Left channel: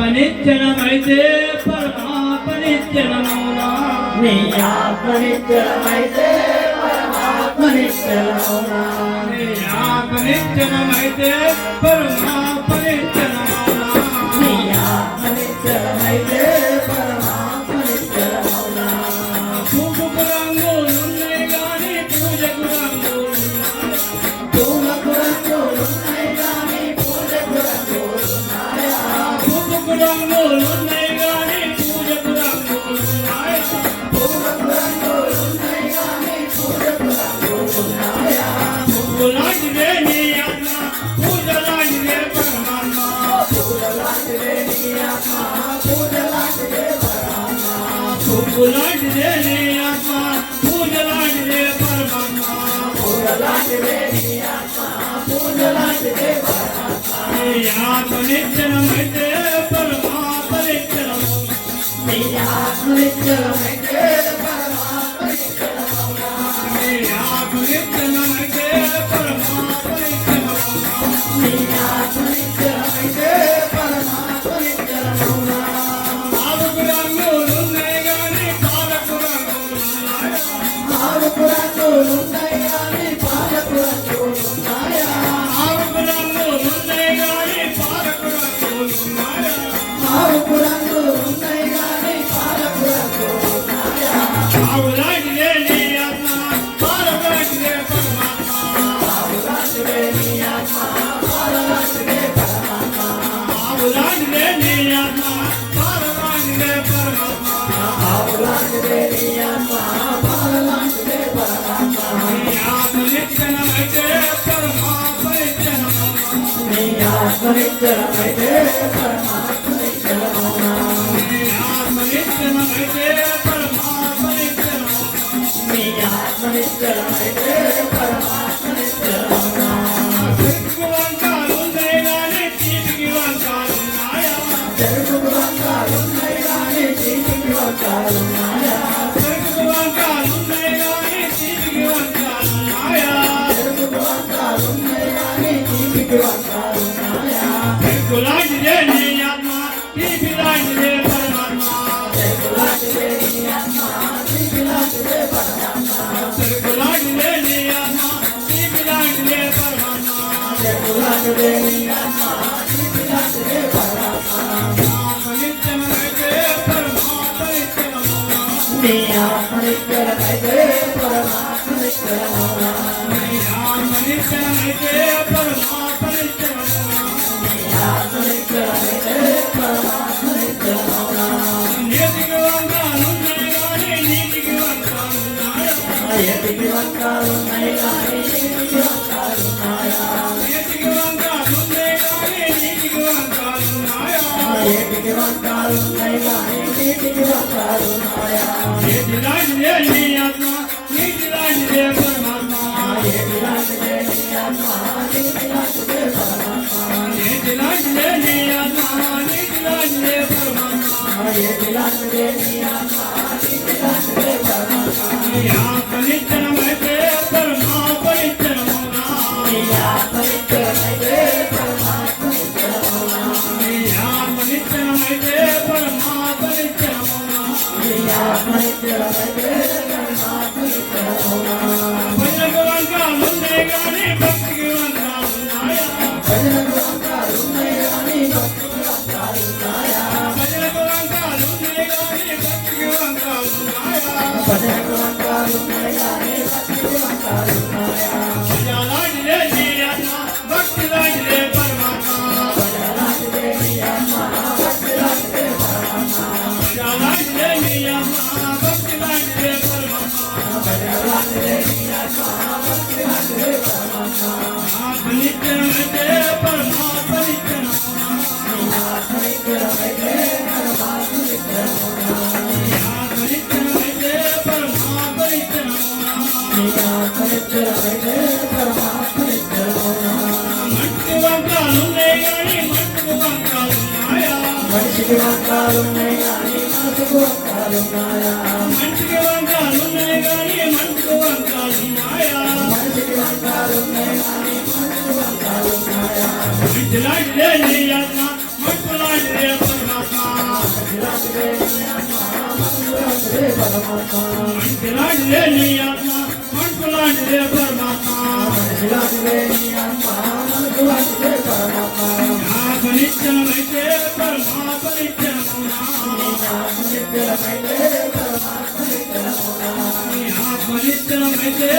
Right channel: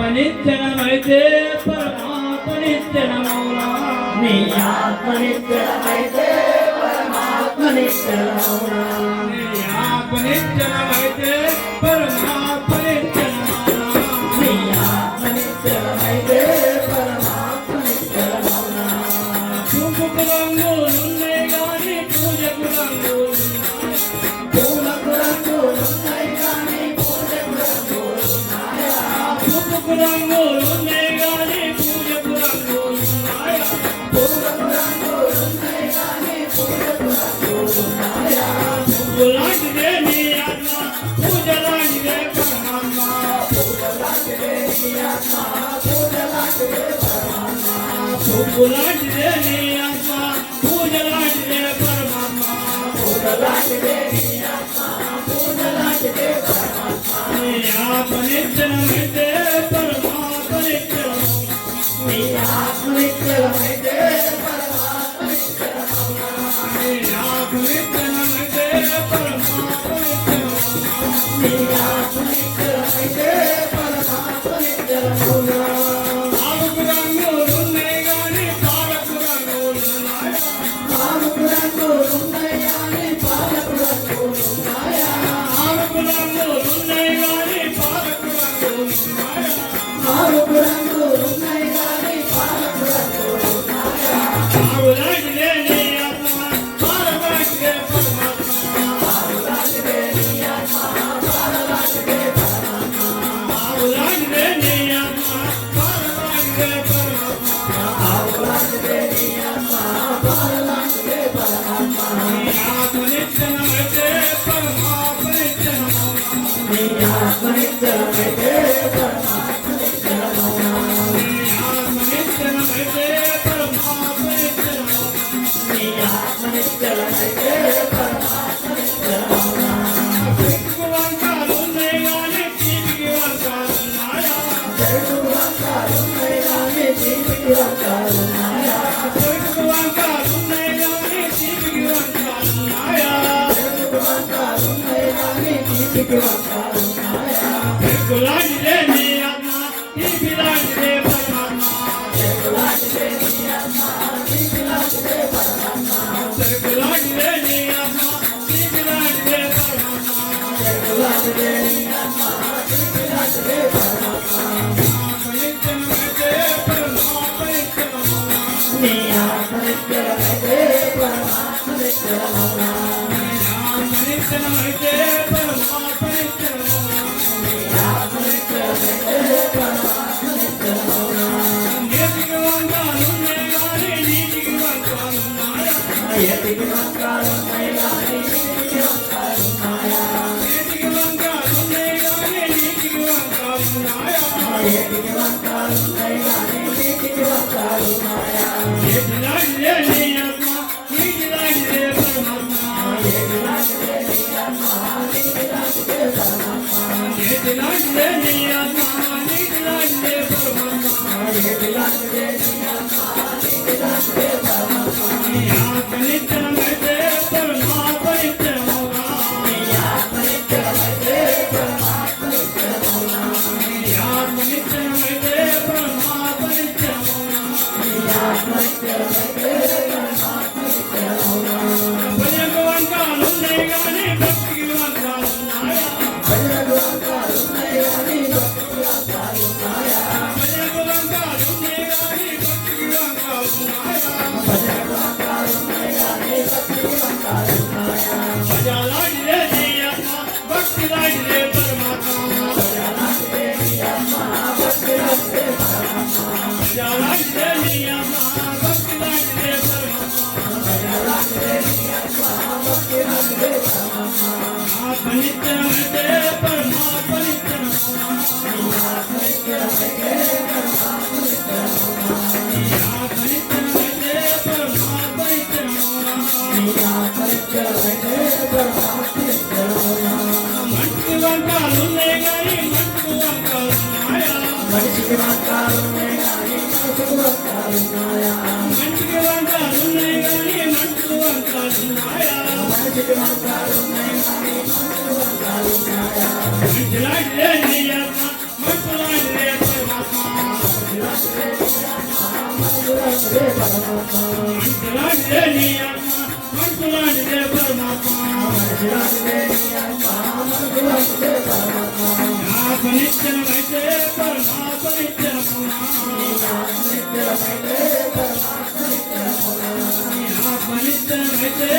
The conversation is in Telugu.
ఆత్మనిత్యమైతే పరమాత్మనిత్యమౌనా నీ ఆత్మనిత్యమైతే పరమాత్మనిత్యమౌనా నీ ఆత్మనిత్యమైతే పరమాత్మనిత్యమౌనా నీ ఆత్మనిత్యమైతే పరమాత్మనిత్యమౌనా పూజకు రంగులున్నాయి గాని పూజకు రంగులున్నాయి పూలకు రంగులున్నాయి గాని పూజకు రంగులున్నాయా పూజకు రంగులున్నాయి గాని పూజకు రంగులున్నాయి పూలకు రంగులున్నాయి గాని పూజకు రంగులున్నాయా పూజలాంటిదే నీ ఆత్మ పూజలాంటిదే పరమాత్మ పూలలాంటిదే నీ ఆత్మ పూలలాంటిదే పరమాత్మ పూజలాంటిదే నీ ఆత్మ పూజలాంటిదే పరమాత్మ పూలలాంటిదే నీ ఆత్మ పూలలాంటిదే పరమాత్మ నీ ఆత్మనిత్యమైతే పరమాత్మనిత్యం నీ ఆత్మనిత్యమైతే పరమాత్మనిత్యమౌనా నీ ఆత్మనిత్యమైతే పరమాత్మనిత్యమౌనా నీ ఆత్మనిత్యమైతే పరమాత్మనిత్యమౌనా ఆరుకు రంగులున్నాయి గాని పాలకు రంగులున్నాయి ఆరుకు రంగులున్నాయి గాని పాలకు రంగులున్నాయా ఆరుకు రంగులున్నాయి గాని పాలకు రంగులున్నాయి ఆరుకు రంగులున్నాయి గాని పాలకు రంగులున్నాయా ఆవులాంటిదే నీ ఆత్మ పాలలాంటిదే పరమాత్మ ఆవులాంటిదే నీ ఆత్మ పాలలాంటిదే పరమాత్మ ఆవులాంటిదే నీ ఆత్మ పాలలాంటిదే పరమాత్మ ఆవులాంటిదే నీ ఆత్మ పాలలాంటిదే పరమాత్మ నీ ఆత్మనిత్యమైతే పరమాత్మనిత్యమౌనా నీ ఆత్మనిత్యమైతే పరమాత్మనిత్యమౌనా నీ ఆత్మనిత్యమైతే పరమాత్మనిత్యమౌనా నీ ఆత్మనిత్యమైతే పరమాత్మనిత్యమౌనా చెట్టుకు వంకాలున్నాయి గాని చీపికి వంకాలున్నాయా చెరుకు వంకాలున్నాయి గాని చీటికి వంకాలున్నాయా చెట్టుకు వంకాలున్నాయి గాని చీపికి వంకాలున్నాయా చెరుకు వంకాలున్నాయి గాని చీటికి వంకాలున్నాయా చెట్టులాంటిదే నీ ఆత్మ చీపిలాంటిదే పరమాత్మ చెరుకులాంటిదే నీ ఆత్మ చీటిలాంటిదే పరమాత్మ చెట్టులాంటిదే నీ ఆత్మ చీపిలాంటిదే పరమాత్మ చెరుకులాంటిదే నీ ఆత్మ చీటిలాంటిదే పరమాత్మ ఆత్మనిత్యమైతే పరమాత్మనిత్యమౌనా నీ ఆత్మనిత్యమైతే పరమాత్మనిత్యమౌనా ఆత్మనిత్యమైతే పరమాత్మనిత్యమౌనా ఆత్మనిత్యమైతే పరమాత్మనిత్యమౌనా నీటికి వంకాలున్నాయి గాని నీటికి వంకాలున్నాయా ఎటికి వంకాలున్నాయి గాని నీటికి వంకాలున్నాయా నీటికి వంకాలున్నాయి గాని నీటికి వంకాలున్నాయా ఎటికి వంకాలున్నాయి గాని నీటికి వంకాలున్నాయా నీటిలాంటిదే నీ ఆత్మ నీటిలాంటిదే పరమాత్మ ఎటిలాంటిదే నీ ఆత్మ నీటిలాంటిదే పరమాత్మ నీటిలాంటిదే నీ ఆత్మ నీటిలాంటిదే పరమాత్మ ఎటిలాంటిదే నీ ఆత్మ నీటిలాంటిదే పరమాత్మ నీ ఆత్మనిత్యమైతే పరమాత్మనిత్యమౌనా నీ ఆత్మనిత్యమైతే పరమాత్మనిత్యమౌనా నీ ఆత్మనిత్యమైతే పరమాత్మనిత్యమౌనా నీ ఆత్మనిత్యమైతే పరమాత్మనిత్యమౌనా భజనకు వంకాలున్నాయి గాని భక్తికి వంకాలున్నాయా భజనకు వంకాలున్నాయి గాని భక్తికి వంకాలున్నాయా భజనకు వంకాలున్నాయి గాని భక్తికి వంకాలున్నాయా భజనకు వంకాలున్నాయి గాని భక్తికి వంకాలున్నాయా భజలాంటిదే నీ ఆత్మ భక్తిలాంటిదే పరమాత్మ భజనలాంటిదే నీ ఆత్మ భక్తిలాంటిదే పరమాత్మ భజలాంటిదే నీ ఆత్మ భక్తిలాంటిదే పరమాత్మ భజనలాంటిదే నీ ఆత్మ భక్తిలాంటిదే పరమాత్మ ఆత్మనిత్యమైతే పరమాత్మనిత్యమౌనా నీ ఆత్మనిత్యమైతే పరమాత్మనిత్యమౌనా నీ ఆత్మనిత్యమైతే పరమాత్మనిత్యమౌనా నీ ఆత్మనిత్యమైతే పరమాత్మనిత్యమౌనా మట్టి వంకాలున్నాయి గాని మట్టుకు వంకాలున్నాయా మనిషికి వంకాలున్నాయి గాని మనసుకు వంకాలున్నాయా మట్టికి వంకాలున్నాయి గాని మట్టుకు వంకాలున్నాయా మనిషికి వంకాలున్నాయి గాని మనసుకు వంకాలున్నాయా మట్టిలాంటిదే నీ ఆత్మ మట్టులాంటిదే పరమాత్మ పరమాత్మ మంచులాంటిదే నీ ఆత్మ మంచులాంటిదే పరమాత్మ మనసులాంటిదే నీ ఆత్మ మనసులాంటిదే పరమాత్మ ఆత్మనిత్యమైతే పరమాత్మ నిత్యమౌనా నిత్యమైతే పరమాత్మ నిత్యమౌనా ఆత్మనిత్యమైతే